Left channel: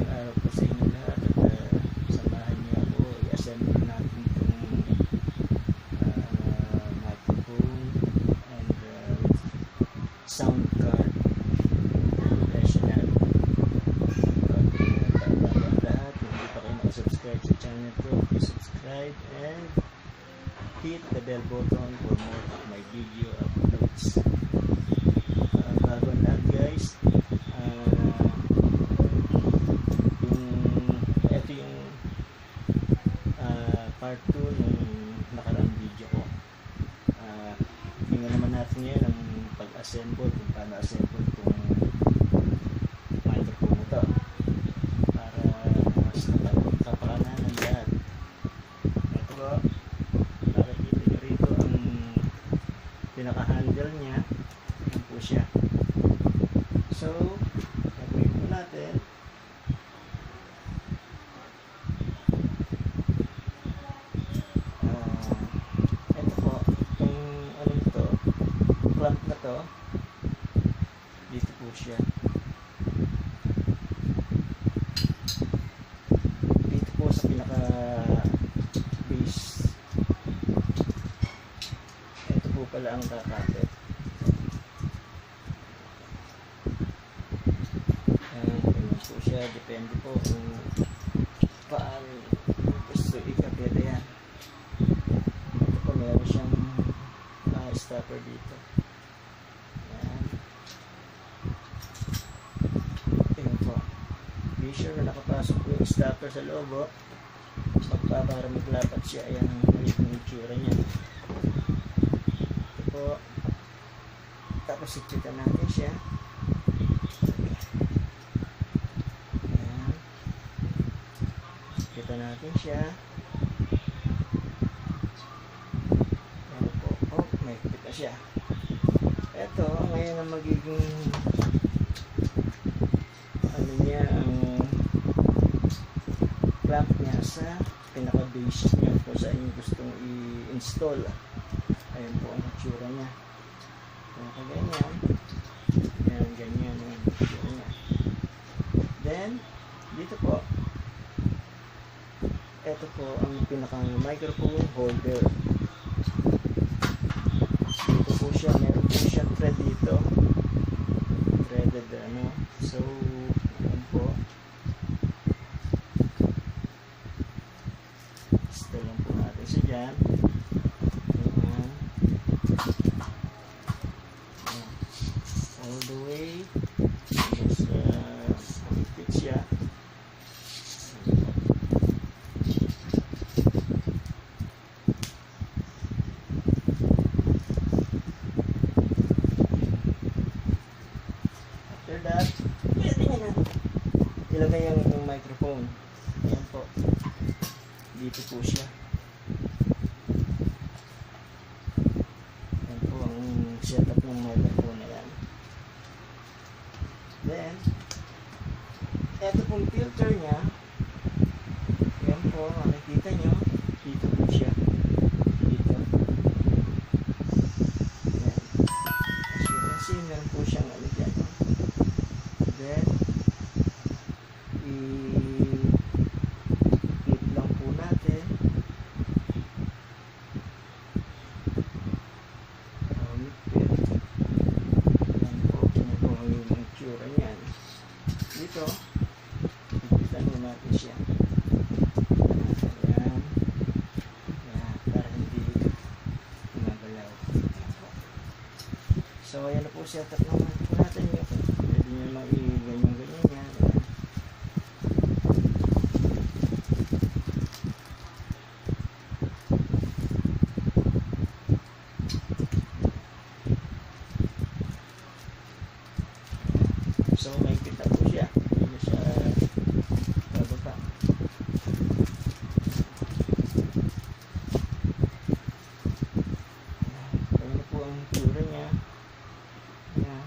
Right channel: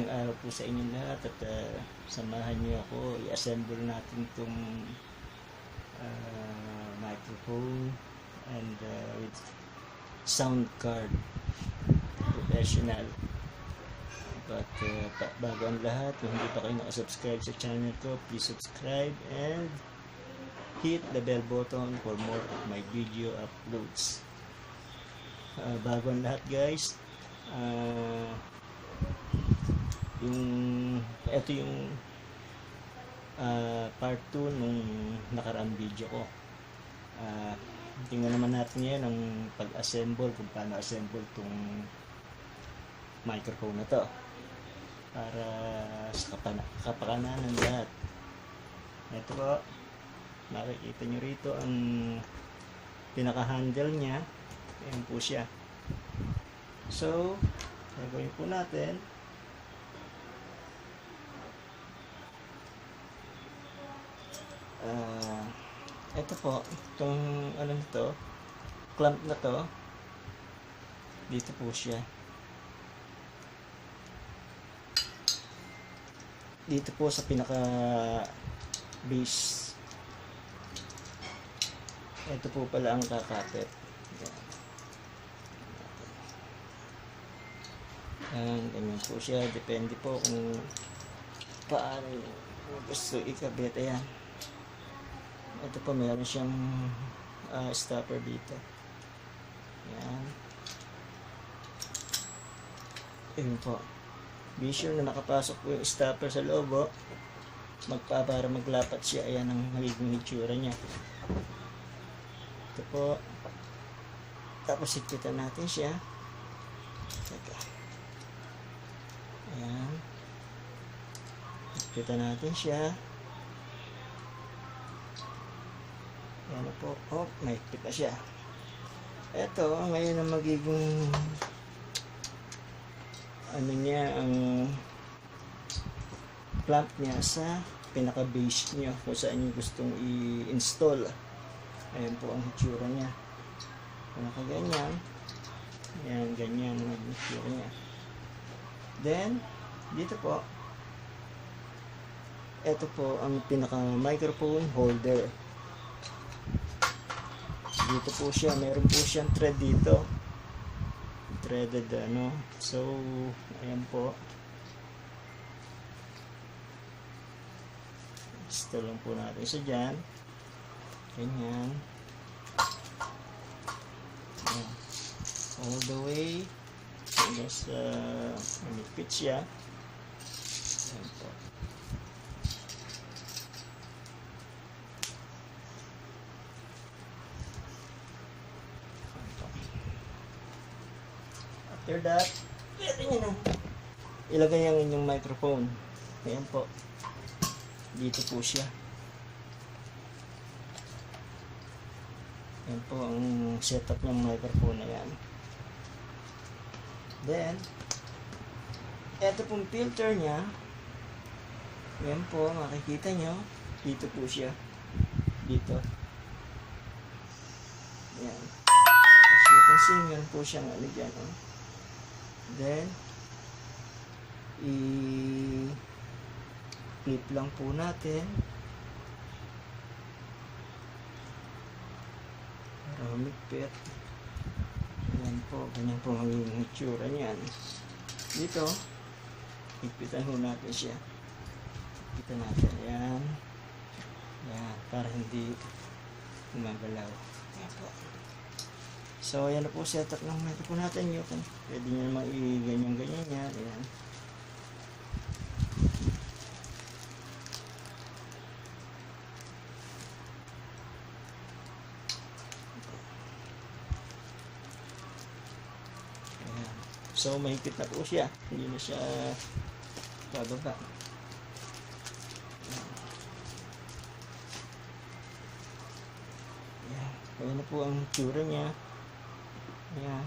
magandang araw po sa inyo lahat at samahan niyo ako i-assemble natin itong microphone and sound card professional. But bago ang lahat, kung hindi pa kayo nakasubscribe sa channel ko, please subscribe and hit the bell button for more of my video uploads. Bago ang lahat guys, ito yung part 2 nung nakaraang video ko. Tingnan naman natin ngayon ang pag-assemble, kung paano assemble itong microphone na to para sa kapakanan ng lahat. Ito po, nakikita nyo rito ang pinaka-handle nya. Ayan po siya. So, gagawin po natin, ito po, itong anong to, clamp na to, dito po siya. Dito po sa pinaka base. Ito po pala ang kakapit. Ganyan po siya, depende po kung paano gusto ikabit. Yan, ito po meron siyang stopper dito. Yan, yun po, be sure na nakapasok po yung stopper sa loob para maglapat siya. Ayan ang magiging itsura nya. Ito po, tapos ipitan natin siya. Kita natin siya. Pero po, may kita siya. Ito, ngayon ang magiging ano niya, ang clamp niya sa pinaka-base niya kung saan yung gustong i-install. Ayan po ang itsura niya. Pinaka-ganyan. Ayan, ganyan ang itsura niya. Then, dito po, ito po ang pinaka-microphone holder. Dito po siya, meron po siyang thread dito. Threaded ano. So, ayan po. Install lang po natin siya dyan. Ayan. Ayan. All the way. Just fit siya. After that, ilagay yung microphone. Ayan po, dito po siya. Ayan po ang setup ng microphone na yan. Then, eto pong filter nya. Ayan po, makikita nyo, dito po siya. Dito. Ayan. Kasi meron po siyang ano dyan. Then, i-flip lang po natin. Para yan po, ganyan po ang itsura niyan. Dito, ipitan po natin siya. Yan. Yan, para hindi gumagalaw. Yan po. So, ayan na po setup po natin yun. Pwede nyo naman i-ganyan-ganyan yan. So, may kita po siya. Hindi na siya bababa. Ayan. Ayan na po ang itsura niya. Ayan.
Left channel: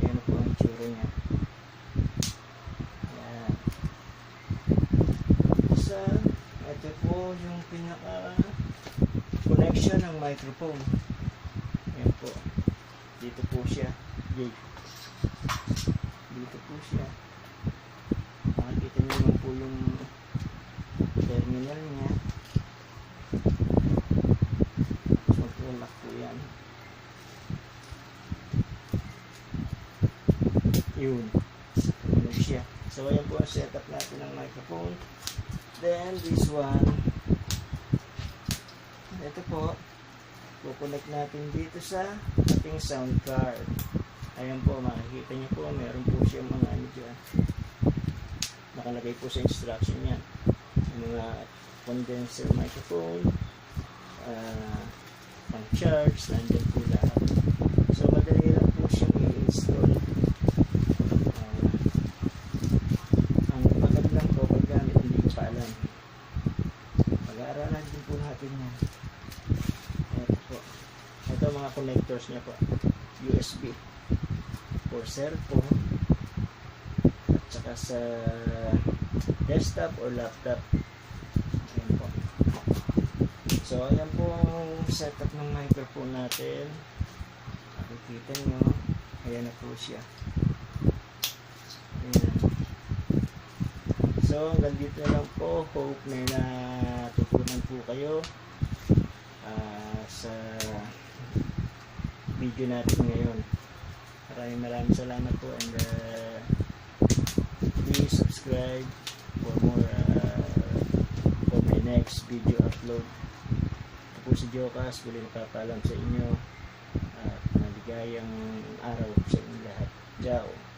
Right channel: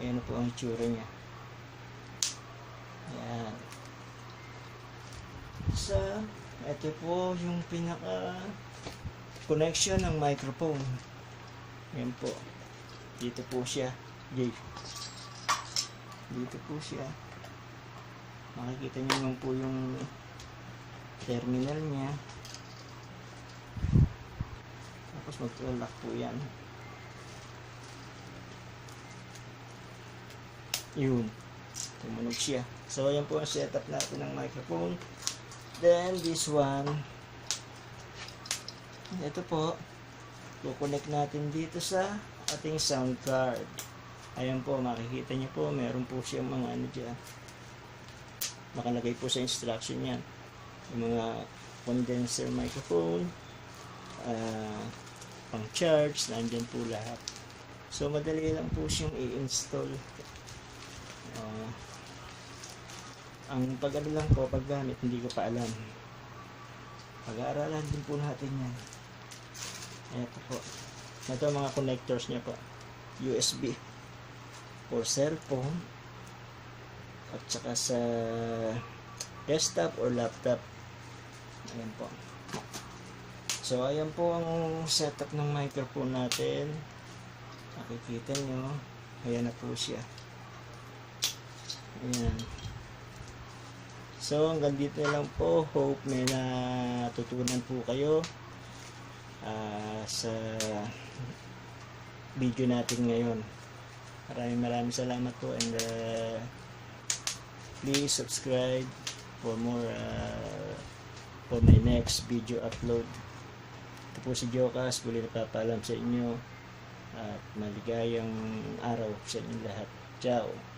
Ayan na po ang itsura niya. Ayan. So, ito po yung pinaka connection ng microphone. Ayan po. Dito po siya. Jay. Dito po siya. Makikita niyo naman po yung terminal niya. Mag-lock po yan. Yun. Tumunog siya. So, ayan po ang setup natin ng microphone. Then, this one. Ito po. Kukonect natin dito sa ating sound card. Ayan po, makikita niyo po. Meron po siyang mga ano dyan. Nakalagay po sa instruction niya. Yung mga condenser microphone. Pang charge. Nandyan po lahat. So, madali lang po siyang i-install. Ang pagano lang po, paggamit, hindi ko pa alam. Pag-aaralan din po natin yan. Ito po. Ito mga connectors niya po. USB for cellphone at saka sa desktop or laptop. Ayan po. So, ayan po ang setup ng microphone natin. Nakikita nyo. Ayan na po siya. Ayan. So, hanggang dito na lang po. Hope may natutunan po kayo sa video natin ngayon. Maraming salamat po, and please subscribe for more for my next video upload. Ito po si Jokas, muli napapaalam sa inyo at maligayang araw sa inyo lahat. Ciao!